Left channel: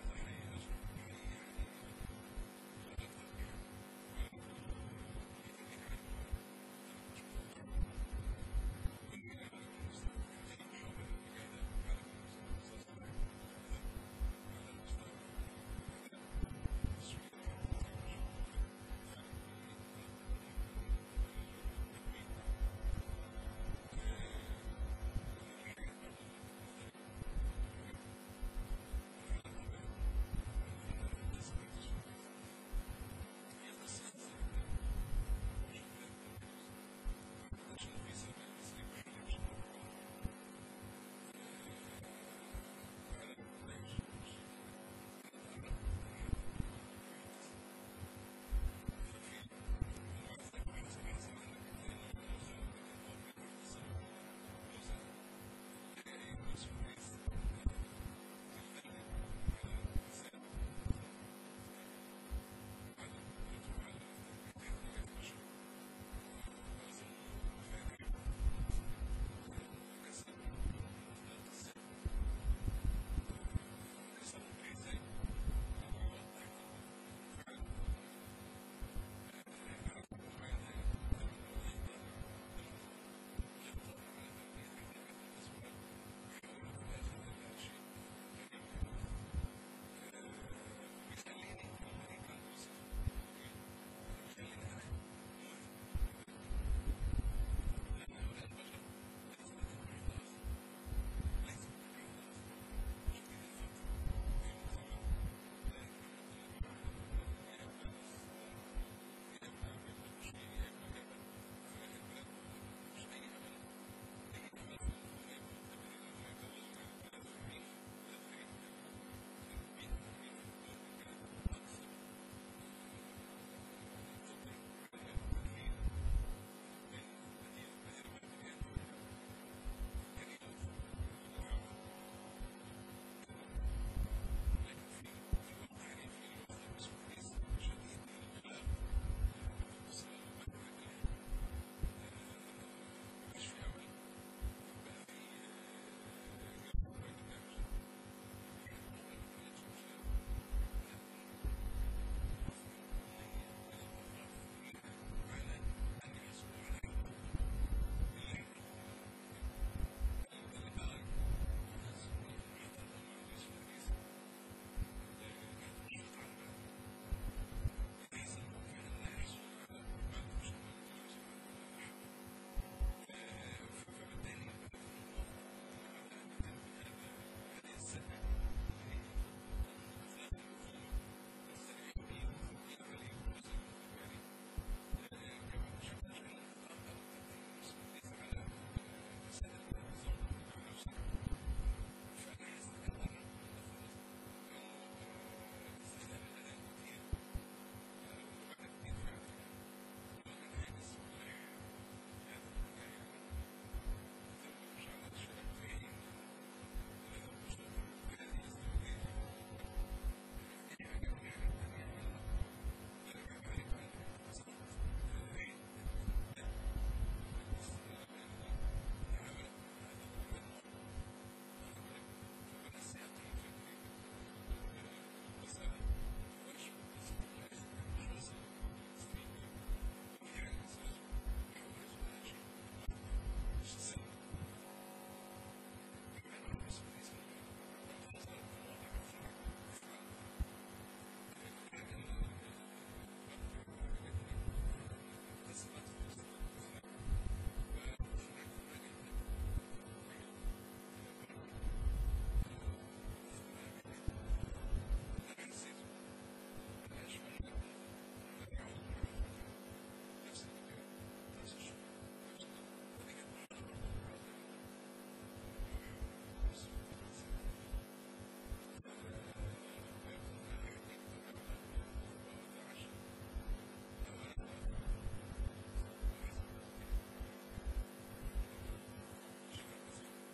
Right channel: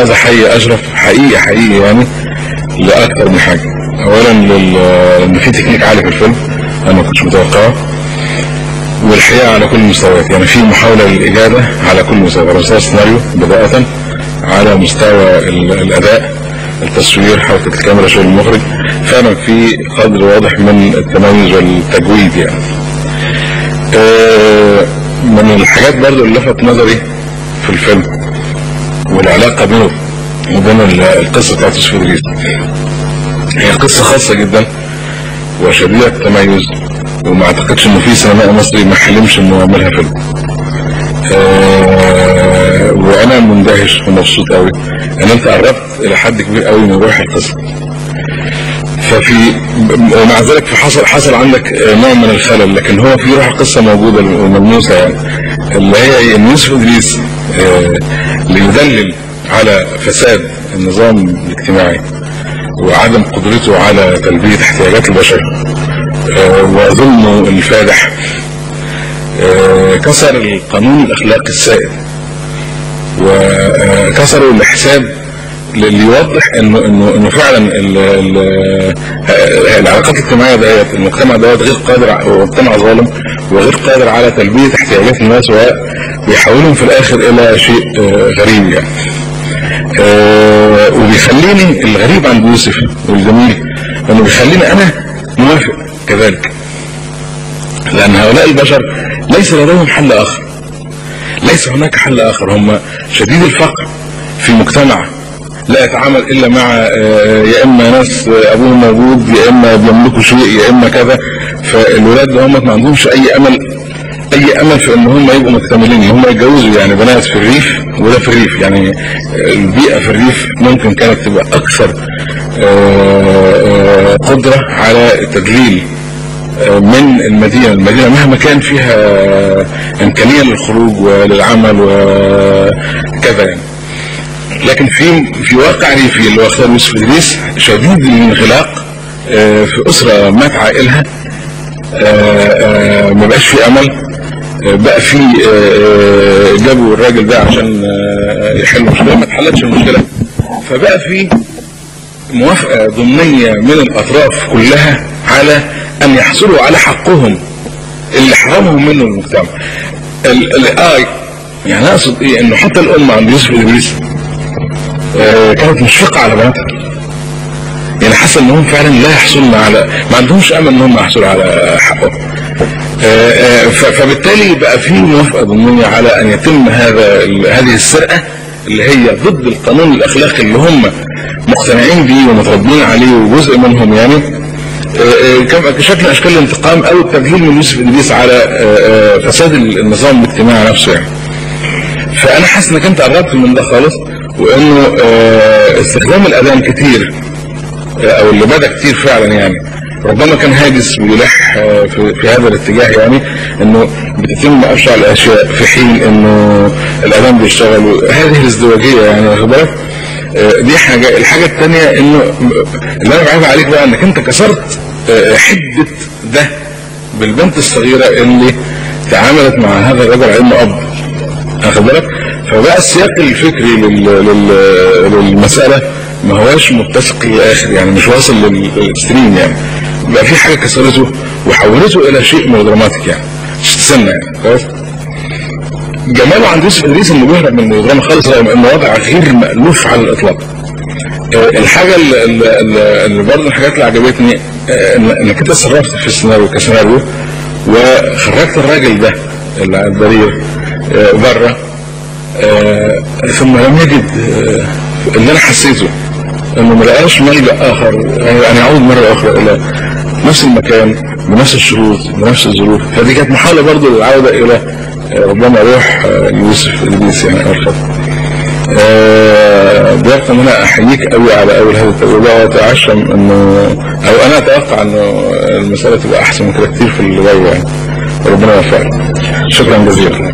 عايز احيي اشرف حقيقي يعني لاكثر من حاجه. اولا ان في تكنيك عالي في الفيلم انا ما كنتش متوقعه، والحقيقه على كل المستويات، يعني في محاوله للاجابه على كل مستوى، على مستوى السيناريو بدايه، على مستوى الاداء، التصوير، حركه الكاميرا، شغل المخرج، فعلا في قدر واضح من التميز والتجويد يعني. من الحاجات برضو اللي لفت نظري في الفيلم والعلاقه بينه وبين القصه بتاعت يوسف إدريس، هي قصه خاصه جدا وشديده التميز، وما اعتقدش انه في سينمائي مصري ما حلمش انه يعملها فيلم. وانا مندهش ومبسوط قوي ان انت قربت الى حد كبير قوي من روح القصه. ومع ذلك حصل عندك نوع من الخلل، لكن هو في روح القصه موجوده وملموسه يعني، اللي هي ان يوسف إدريس ليدلل على فساد النظام الاجتماعي وعدم قدرته على تلبيه احتياجات البشر وظلمه الفادح، كسر القانون الاخلاقي السائد وكسروا الحساب اللي يوضح انه فعلا العلاقات الاجتماعيه ديت، المجتمع دوت غير قادر، هو مجتمع ظالم وغير قادر على تلبيه احتياجات الناس، وبيحولهم في الاخر الى شيء غريب يعني. وبيخليني الغريب عند يوسف والجميل انه بيخليني انا موافق كذلك، لان هؤلاء البشر ليس لديهم حل اخر، ليس هناك حل اخر، هم شديد الفقر في مجتمع لا يتعامل الا مع يا اما ناس ابوهم موجود، يا اما بيملكوا شيء، يا اما كذا. فالولاد هم ما عندهمش اي امل في ان هم يبقوا مكتملين، هم يتجوزوا يعني بنات في الريف وده في الريف، يعني البيئه في الريف ممكن كانت تبقى اكثر قدره على التدليل من المدينه مهما كان فيها امكانيه للخروج وللعمل وكذا يعني. لكن في واقع ريفي اللي هو اختار يوسف إدريس شديد الانغلاق في اسره مات عائلها، ما بقاش في امل، بقى في جابوا الراجل ده عشان يحل المشكله، ما اتحلتش المشكله، فبقى في موافقه ضمنيه من الاطراف كلها على ان يحصلوا على حقهم اللي حرمهم منه المجتمع. يعني اقصد ايه، انه حتى الام عند يوسف إدريس كانت مشفقه على بناتها، يعني حاسه انهم فعلا لا يحصلون على، ما عندهمش امل انهم يحصلوا على حقهم. فبالتالي بقى في موافقه ضمنيه على ان يتم هذه السرقه اللي هي ضد القانون الاخلاقي اللي هم مقتنعين بيه ومتربين عليه وجزء منهم يعني، كشكل من اشكال الانتقام او التدليل من يوسف إدريس على فساد النظام الاجتماعي نفسه يعني. فانا حاسس انك انت قربت من ده خالص، وانه استخدام الاذان كتير او اللي بدا كتير فعلا يعني ربما كان هاجس ويلح في هذا الاتجاه، يعني انه بتتم ابشع الاشياء في حين انه الاذان بيشتغل، هذه الازدواجيه يعني واخد بالك. دي حاجه. الحاجه الثانيه انه اللي انا بعيب عليك بقى انك انت كسرت حده ده بالبنت الصغيره اللي تعاملت مع هذا الرجل على انه اب، واخد بالك. فبقى السياق الفكري للمساله ما هواش متسق للاخر، يعني مش واصل للاكستريم يعني، بقى في حاجه كسرته وحولته الى شيء ميلودراماتيك يعني، استنى يعني خلاص. جماله عند يوسف إدريس انه بيهرب من الميلودراما خالص، رغم انه وضع غير مألوف على الاطلاق. الحاجه اللي برضه الحاجات اللي عجبتني انك انت صرفت في السيناريو كسيناريو وخرجت الراجل ده اللي على البرير بره، ثم لم يجد اللي انا حسيته انه ما لقاش ملجأ اخر، يعني يعود مره اخرى الى نفس المكان بنفس الشروط بنفس الظروف. فدي كانت محاوله برضه للعوده الى ربما روح يوسف إدريس يعني ارخص. بيبقى ان انا احييك قوي على اول هذه التجربه، واتعشم انه او انا اتوقع انه المساله تبقى احسن من كده كتير في اللي جاي يعني. ربنا يوفقك. شكرا جزيلا.